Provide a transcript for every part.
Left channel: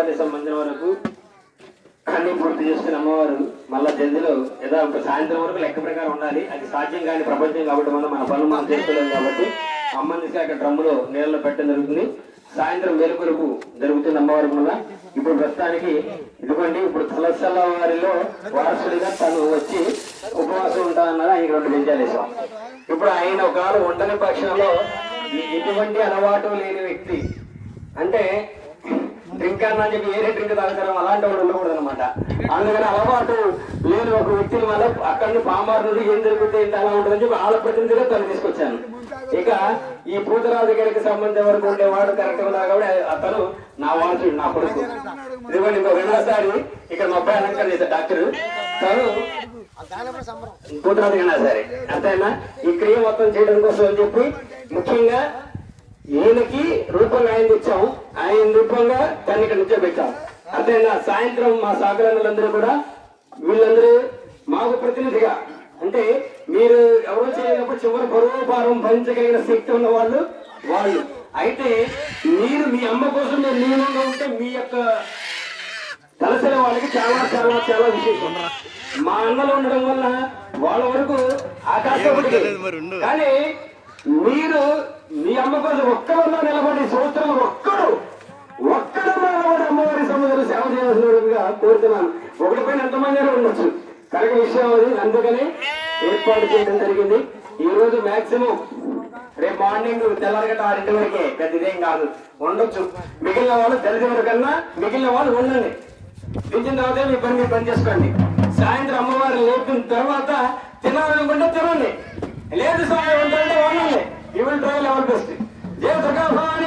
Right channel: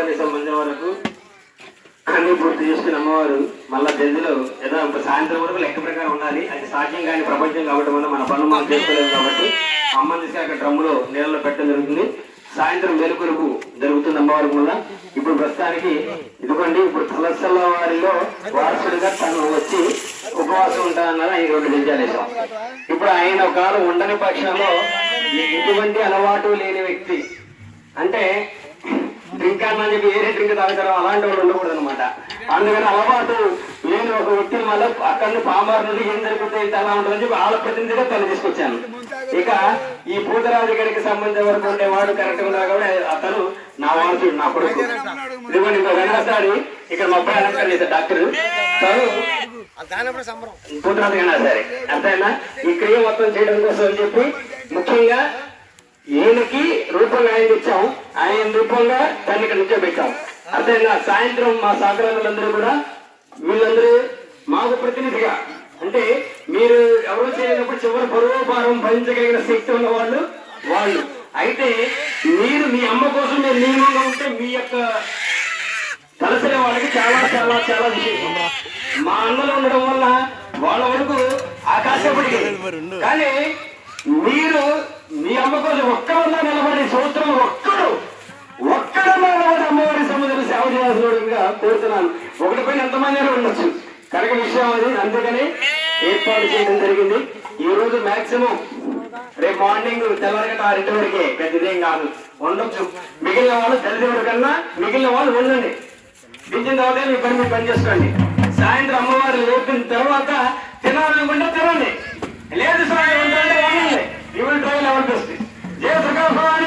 అమ్మవారికి సంబంధించిన వరకు అన్ని పూర్తి చేసుకుని అమ్మవారు మళ్ళా జల్దిలో ఏదో సాయంత్రం వరకు లెక్క ప్రకారం ఉండాలి. అది సాధ్యం కానీ ప్రపంచం కాబట్టి మనం మన పనులు మనం చేసుకోలేము కాబట్టి అమ్మని తీసుకు అక్కడ డ్రమ్ములో నీళ్ళలో పెట్టడం జరుగుతుంది. సాయంత్రం వేరుకొరకు జరుగుతుంది అమ్మవారి కూడా ఇప్పుడు ప్రస్తుతానికి ఇదిగోండి ఇప్పుడు తలసల వారిలో వారసుడిగా తను వచ్చి ఉపవాసం ఉంటానని ఆయన రెండు నిజాలేశాం ఇప్పుడు ఆయన ఒకరు ఉండని పక్షంలో ఎటువంటి అలవాటు లేని వ్యక్తి అంటే డ్రింక్ అని చెప్పి ఏరే డ్రింక్ తాగుతారో అలాంటి వాళ్ళు ఉండకూడదు అనమాట అందుకని అలవాటు లేని ఒక వ్యక్తిని వల్ల అక్కడ నుండి నుండి ఏం జరుగుతుంది అలా ఉంటుందని చెప్పి వాళ్ళ ప్రతినిధిగా తను తీసుకొచ్చాను. ఇక ఈ పూతరాజు గడికి సంబంధించిన వరకు ఉండేవాడు కరెక్ట్గా కాబట్టి అతను నా వారసుడు నా కొడుకు. ఇదిగోండి ఇంకో రెండోసారి ఇక్కడ మా అబ్బాయి డాక్టర్. తను దానప్పుడు సంబరం పూతరాజు కన్నా సరే. అంతేనా? ఈ క్రియ మొత్తం చేయడం కోసం అని చెప్పి ముఖ్యంగా ఈయనకి రూపంగా ఆయన ఇచ్చాం ఆయన రూపంగా దాన్ని ఇక్కడ నుంచో అర్థమైనా సాయంత్రం మా సహకారులందరూ కూడా వీళ్ళందరూ మాకు ప్రతినిధిగా. అంటే మీరు ఎవరు చేయనప్పుడు చివరి బరువు భారం భరించగలిగిన శక్తి ఉన్న వాళ్ళు వాళ్ళు. అయితే మీరు మీ అమ్మ కోసం మీరు నియమంగా ఉంటే మీ యొక్క తలసిన వాళ్ళకి చాలా చాలా చాలా విశేషం. మా అన్నలు ఉండడం వల్ల వాళ్ళ వరకు ఆకాశపడి కానీ మీరు మీ అమ్మ కోసం ఒక్క నిలబడి సంవత్సరం ఒక్కడు ఒక్కడు నిలబడి అమ్మవారి సముద్రం సేవ చేయాల్సిన కోరుతున్నాను. ఒకటి పైన ఎంతమంది ఉండొచ్చు. కనుక విషయం అది. అందుకని ఏర్పాటు చేయడం జరిగింది. ఈ రోజు మాక్సిమం రేపు మార్నింగ్ తెల్లవారిగంట ఆరింటి వరకే పెద్దదేం కాదు ఉండొచ్చు. మిగిలిన వాళ్ళు తెలిసిన కన్నా మిగిలిన వాళ్ళు ఉండండి దించిన తర్వాత మీ పని మీరు పని చేసుకోండి. సాయంత్రం అమ్మవారు లేపిన తర్వాత తినాలనుకుంటే తినండి. లేదు సాయం ఏంటంటే వండండి. he will travel our best. Jai Sakafa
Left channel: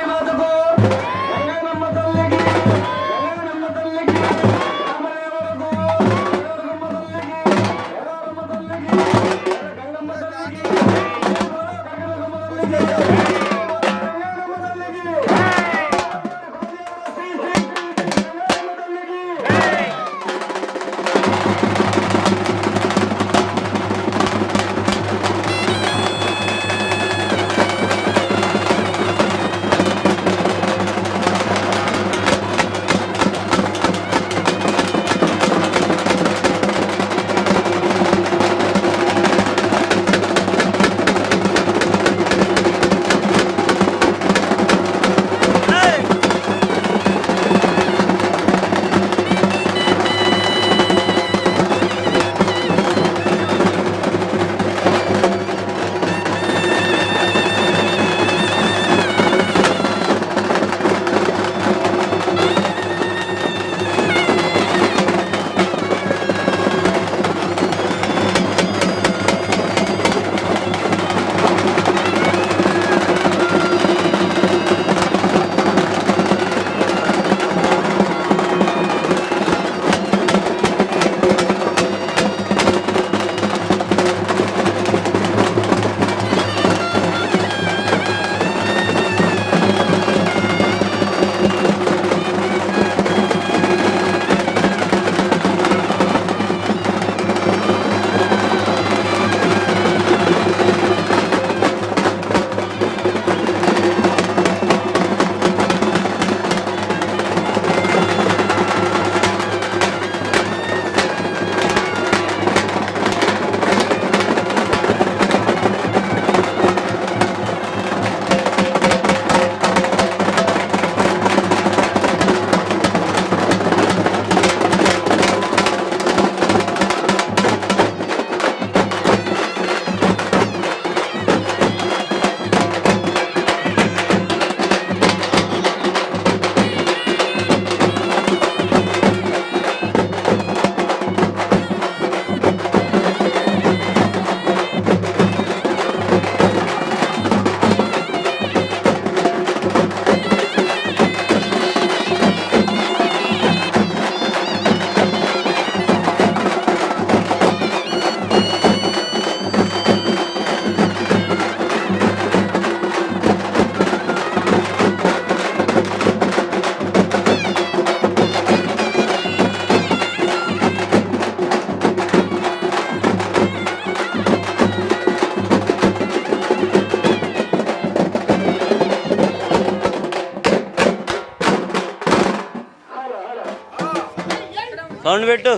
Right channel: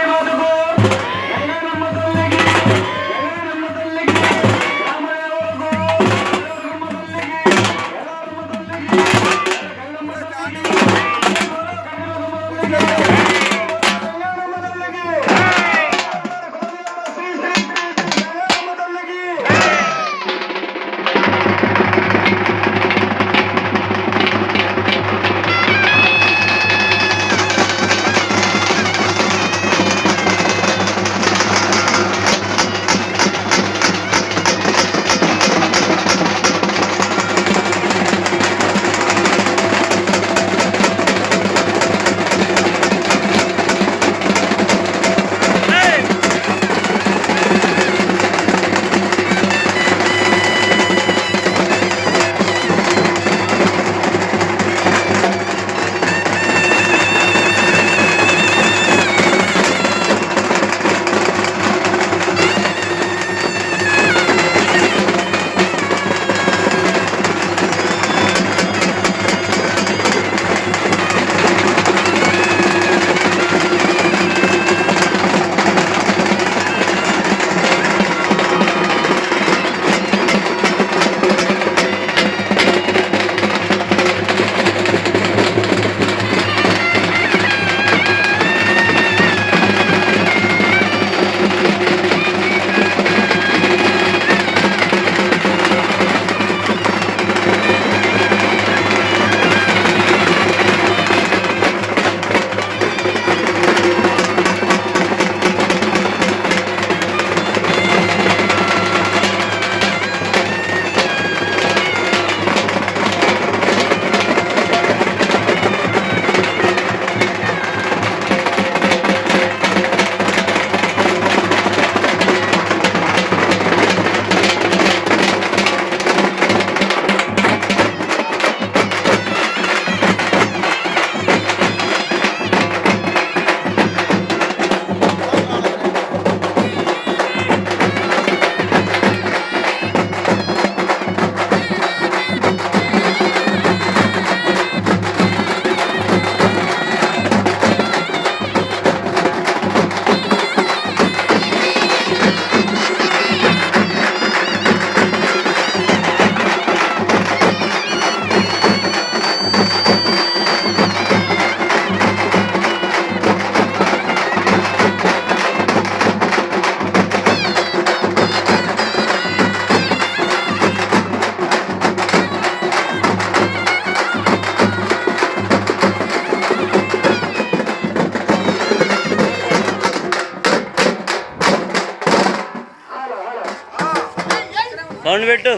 sound పెట్టు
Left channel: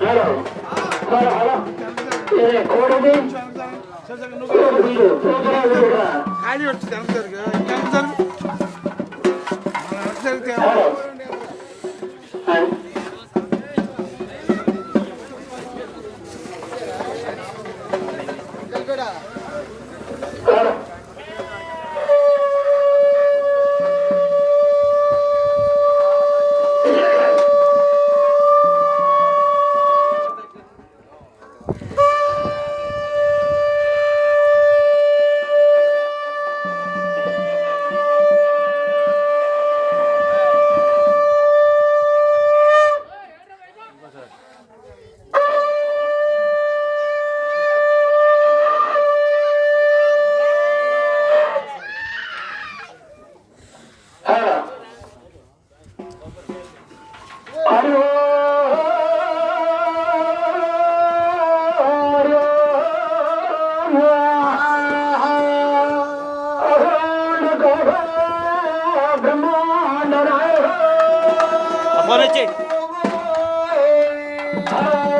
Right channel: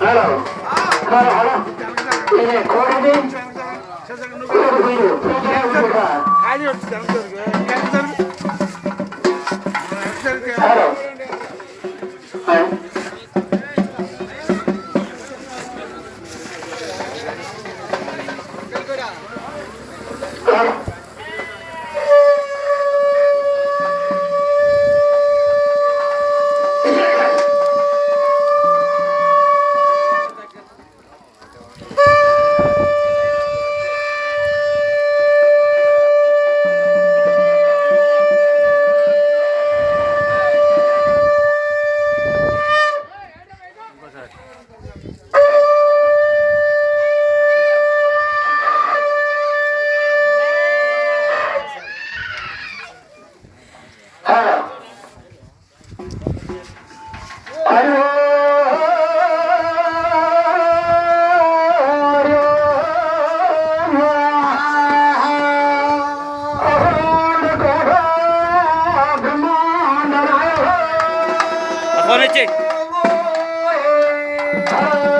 హలో آه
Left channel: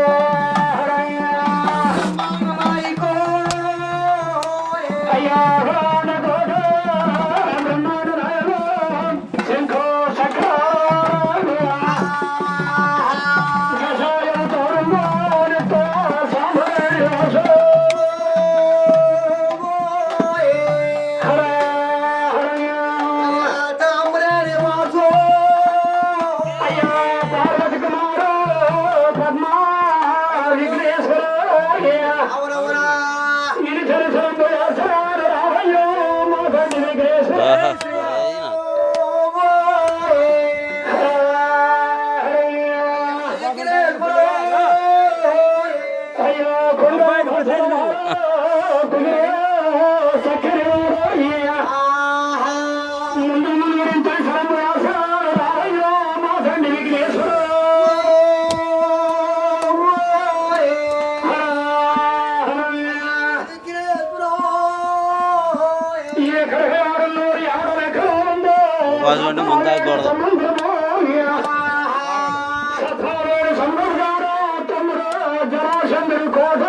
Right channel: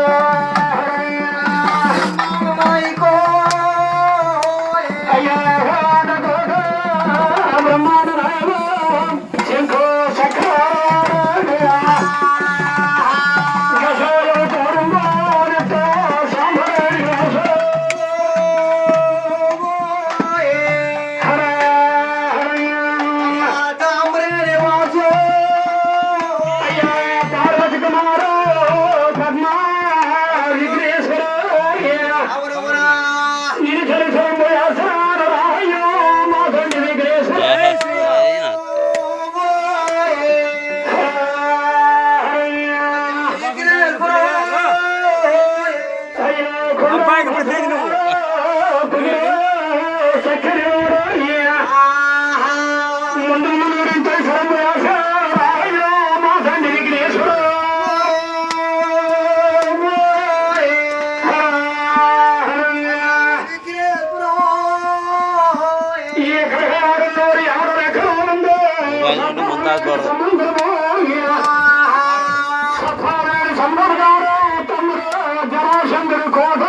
ಮುಂದಾಗಬಾರ್ದು ಜರಾಶಂಕರಿ ಕೋಟ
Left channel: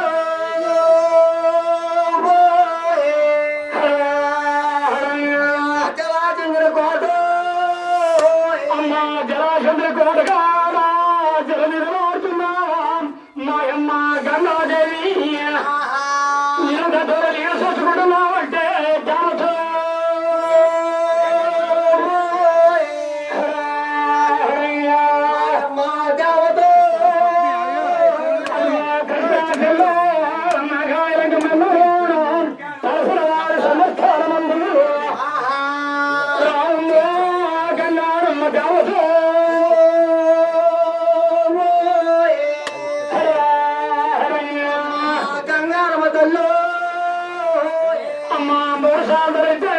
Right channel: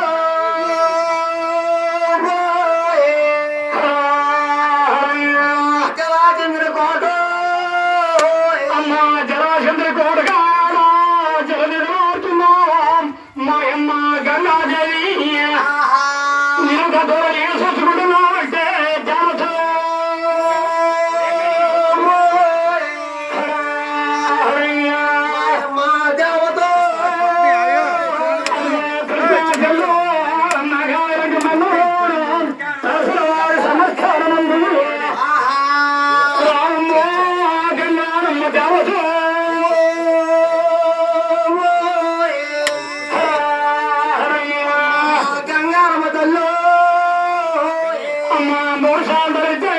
అమ్మా